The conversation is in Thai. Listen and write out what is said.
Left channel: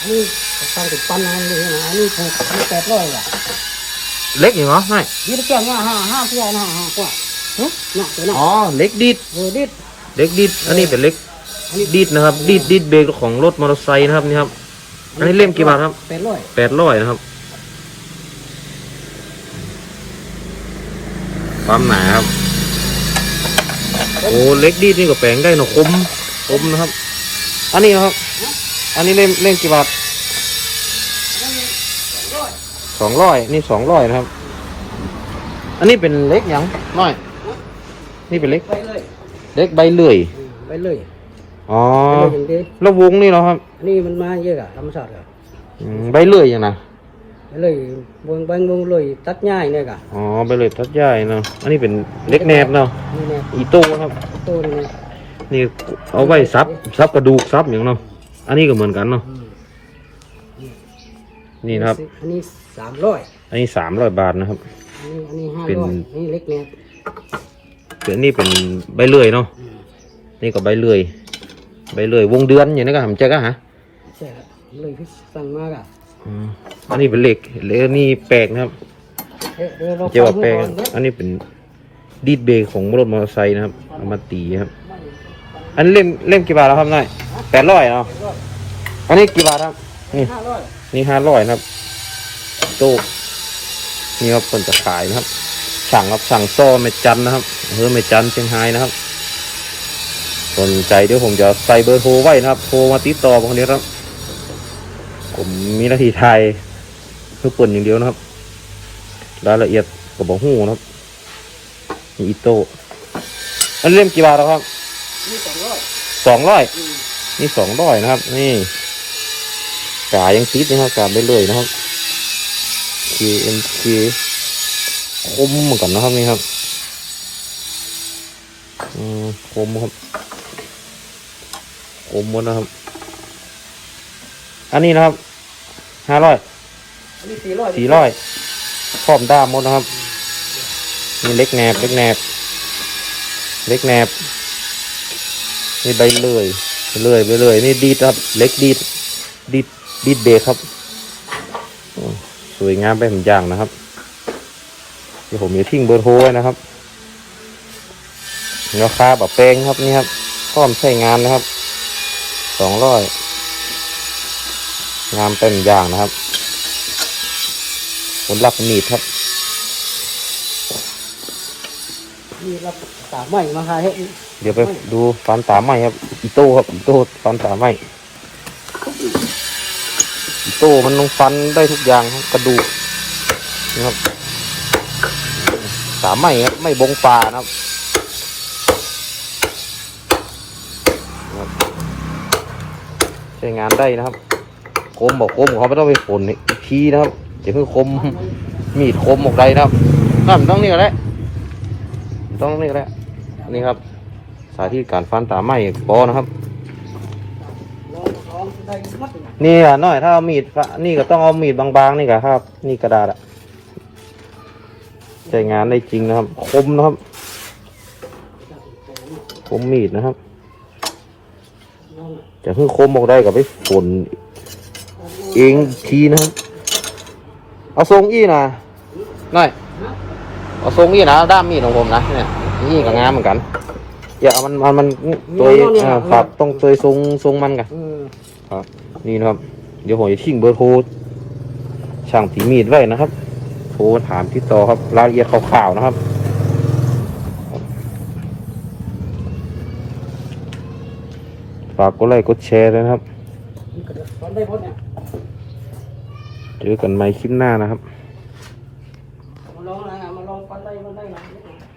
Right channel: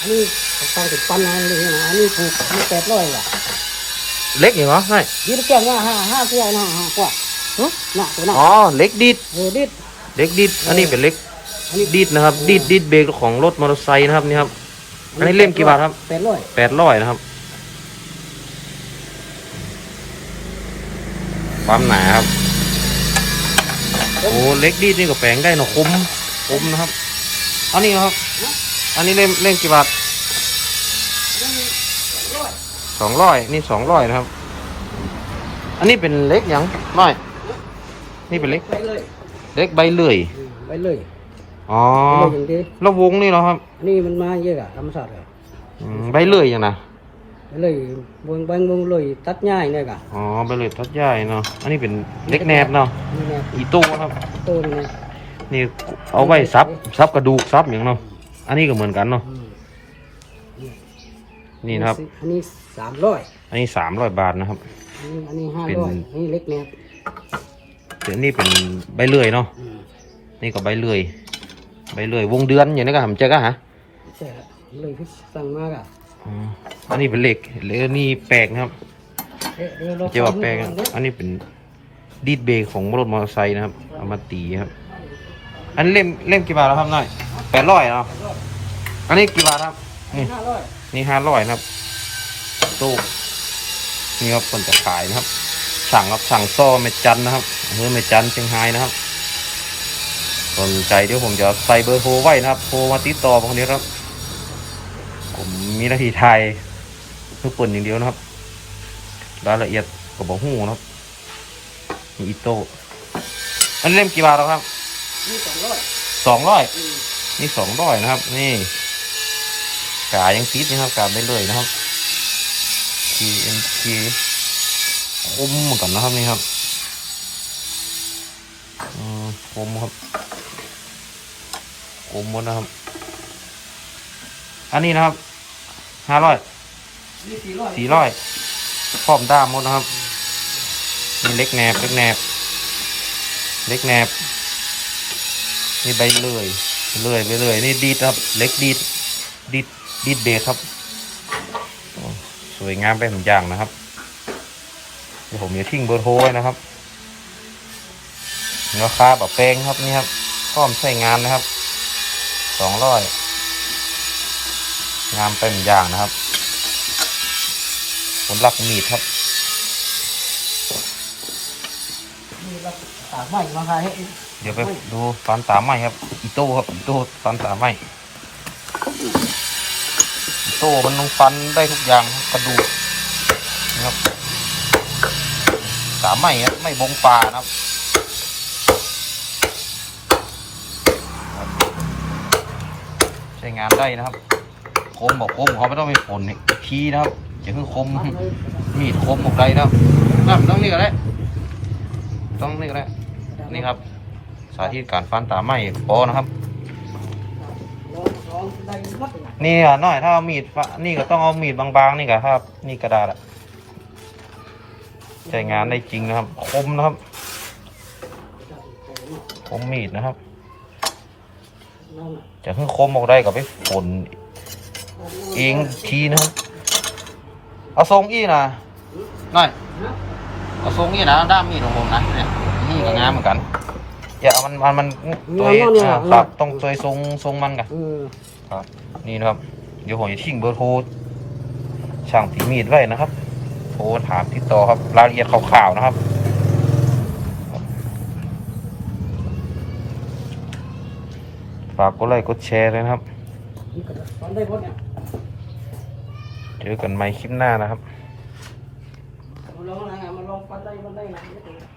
อันนี้ตั้งติดปันอันนี้นะอันนี้ถูกอันนี้แปดร้อยว่ะเล็กอย่างเหรอไม่ยืดเครื่องว่าห้าห้ากว่านะห้ากว่าเฮ้ยน่ะตัวน่ะอ๋อเล็กดีดเออดิดเล็กดีดอันนี้เป็นเล็กอันนี้ดีดนะครับดีดดีดเบรกของรถมอเตอร์ไซค์นะครับนี่ครับ อันนี้เล่มกี่บาทครับแปดร้อยแปดร้อยนะครับ ความหนาครับ โอ้เล็กดีดนี่ก็แปลงได้เนอะคมคมนะครับ อันนี้นะครับ อันนี้เล่มเล่มกี่บาทสองร้อยนี่สองร้อยนะครับ อันนี้เป็นเล็กหยังน้อย นี่เป็นเล็กไปเลยเล็กใบเลื่อยอืมไปเลยอ๋อไปเลยดิแล้ววงนี่เนาะครับอันนี้มันมาเยอะอะธรรมชาติอะอืมใบเลื่อยอย่างนะไปเลยบางบางมุงเลยตัดง่ายเนี่ยกะอ๋อใบเลื่อยทัดใหญ่เนาะอันนี้เป็นเล็กแนบเนาะนี่ไงอีโต้ครับต้นนี่นี่เอาไว้ซับซับกระดูกซับอย่างเนาะ อันนี้ก็เหมือนกันเนาะอืมนี่นะครับ อันนี้สามร้อยอันนี้สามร้อยบาทนะครับ อันนี้อันนี้ห้าเป็นร้อยอันนี้เล็กเนี่ยส่วนนี้เป็นใบเลื่อยเนาะอืมนี่ก็ใบเลื่อยใบเลื่อยวงเดือนอย่างนี้ก็ทำเจ๊ก็ฮะใช่ฮะเลยที่สั่งมากอะอ๋ออันนี้เป็นเหล็กเหล็กนี่แปลกนะครับเอ๊ะเดี๋ยวเราเจ๊ว่าแปลกฟังดูก่อนอันนี้เป็นดีดเบรกของรถมอเตอร์ไซค์นะครับเอามาตีครับ อันนี้เล่มเล่มกี่บาทแล้วครับน้อย แปดร้อยเนาะอันนี้กี่บาทครับ นี่ ห้าร้อยนี่ห้าร้อยนะครับโต๊ะนี่ครับเป็นจะขายนะครับ สั่งครับสั่งซ่อเมจันนะครับอำเภอเมจันเชียงรายนะครับสนใจเดี๋ยวผมจะใส่เบอร์โทรไว้นะครับ โทรมาติดต่อผมคนนี้ครับ ผมมีหน้าที่ไทยเพื่อเปิดอย่างเดียวนะครับ รายละเอียดกับบอกหูนะครับ มีอิโต้อันนี้เล่มกี่บาทแล้วครับ นี่สองร้อยสองร้อยอืม นี่สองร้อยนะครับ นี่กายังติดนะครับกาไปเลยนะครับ KMK คมเหมือนกันนะครับนี่ครับอืมคมครับคมหมดนะครับ อันนี้นะครับห้าร้อยอันนี้สี่ร้อยสี่ร้อยพร้อมด้ามหมดนะครับนี่เล็กแนบเล็กแนบเล็กแนบนี่ใบเลื่ อยเลื่อยไปเลยนี่ดีดครับ เล็กดีดดีดดีดเบรกครับสวยงามไปผมอย่างนะครับเดี๋ยวผมจะทิ้งเบอร์โทรไว้นะครับราคาแบบแพงครับนี่ครับพร้อมใช้งานนะครับสองร้อยงานเป็นอย่างนะครับผลลักมีดครับ นี่ก็สามร้อยนะครับเดี๋ยวไปดูฟันตาไหมครับอีโต้ครับอีโต้ฟันตาไหมอีโต้มันลงฟันได้ทุกอย่างครับกระดูกนะครับตาไหมครับไม่บงปลานะครับใช้งานได้นะครับ คมบอกคมเขาไม่ต้องไปฝนอีกทีนะครับจะคือคมมีดคมออกใดนะครับนั่นต้องนี่ก็ได้ ต้องนี่ก็ได้นี่ครับ สาธิตการฟันตาไหมปอนะครับ นี่อะน้อยถ้าเอามีดฟะนี่ก็ต้องเอามีดบางๆนี่ก็ครับ นี่กระดาษอะใช้งานได้จริงนะครับ คมนะครับ คมมีดนะครับ จะขึ้นคมออกได้กับไปฝนเองทีนะครับเอาทรงอี้นะน้อย เอาทรงอี้นะเอาด้ามมีดของผมนะเนี่ยนี่ก็งามเหมือนกัน อยากมันมันมันตัวอ่าครับต้องตัวทรงทรงมันกันอืมครับนี่นะครับ เดี๋ยวผมจะทิ้งเบอร์โทรช่างตีมีดไว้นะครับโทรถามติดต่อครับรายละเอียดข่าวๆนะครับฝากกดไลค์กดแชร์เลยนะครับตอนได้หมดเนี่ยเจอกันใหม่คลิปหน้านะครับ มาลองนะมาล